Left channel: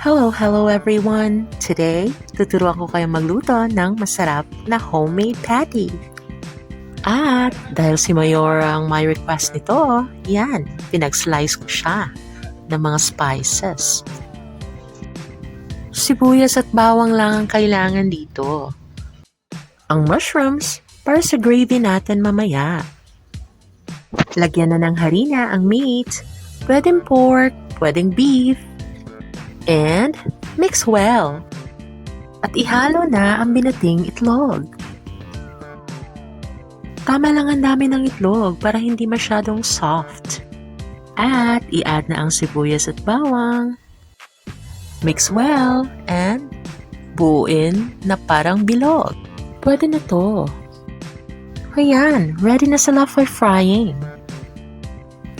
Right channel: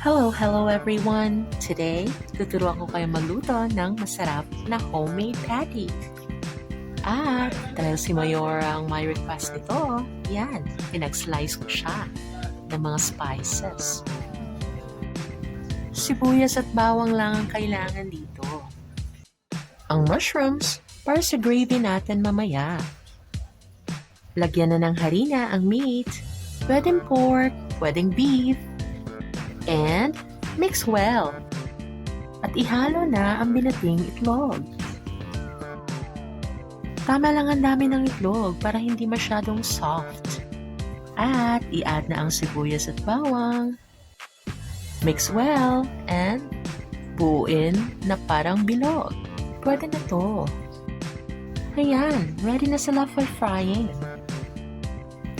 Hello everyone! Today, tuturuan ko kayo magluto ng masarap na homemade patty. At dahil si Mayor ang may request nito, yan, pinag-slice ko siya ng mga spices. Sibuyas at bawang lang ang kailangan dito. Ang mushrooms para sa gravy natin mamaya. Lagyan na ng harina ang meat, pwedeng pork, pwedeng beef, and mix well. At ihalo na ang binating itlog. Tama lang ang dami ng itlog para hindi masyadong soft. At i-add na ang sibuyas at bawang. Mix well and buuin na parang bilog. Pwede na to. Ayan, ready na sila for frying.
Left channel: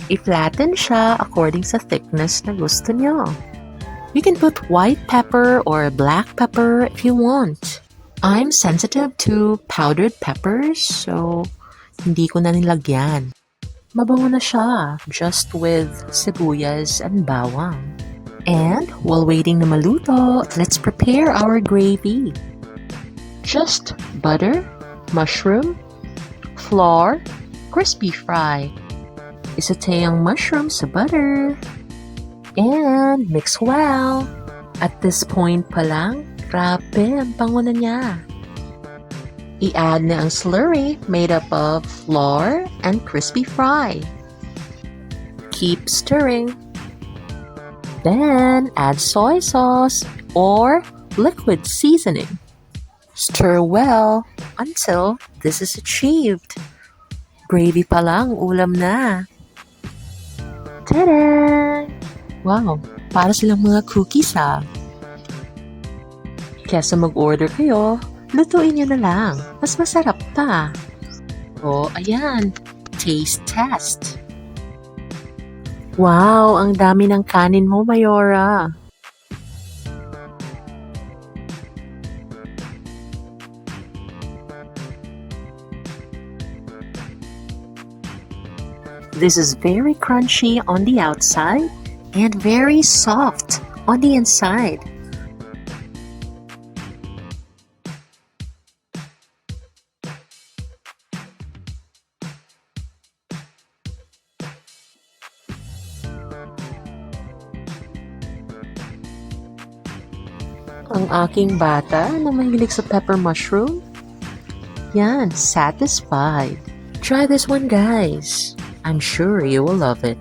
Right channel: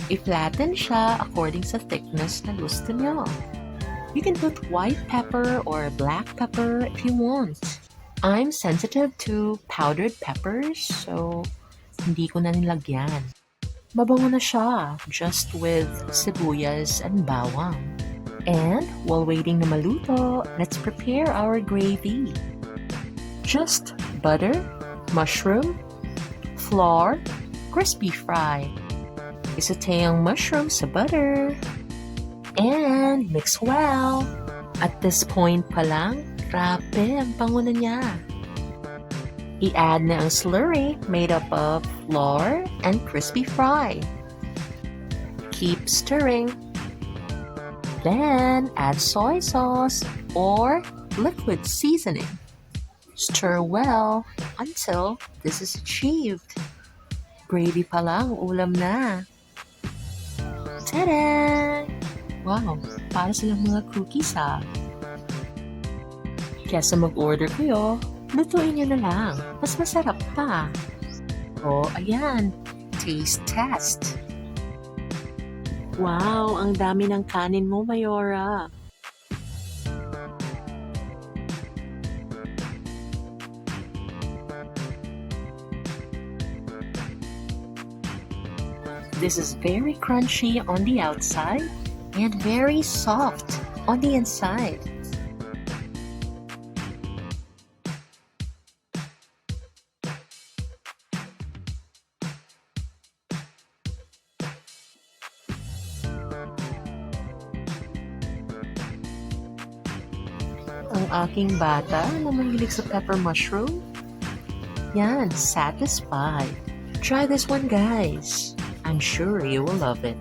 I-flatten siya according sa thickness na gusto nyo. You can put white pepper or black pepper if you want. I'm sensitive to powdered peppers, so hindi ko na nilagyan. Mabango na siya, just with sibuyas and bawang. And while waiting na maluto, let's prepare our gravy. Just butter, mushroom, flour, crispy fry. Isaute ang mushroom sa butter. And mix well. At this point pa lang, grabe, ang bango na niya. I-add na ang slurry made up of flour and crispy fry. Keep stirring. Then add soy sauce or liquid seasoning. Stir well until this is achieved. Gravy pa lang, ulam na. Ta-da! Wow, para silang mga cookies ha. Kesa mag-order kayo, lutuin nyo na lang. Mas masarap pa. O, ayan. Taste test. Wow, ang dami ng kanin mo, Mayora. This is very crunchy on the outside and very soft on the inside. Ang aking bata na mahilig sa pepper mushroom, yan, satisfied. Try this one, guys. I'm sure you will love it.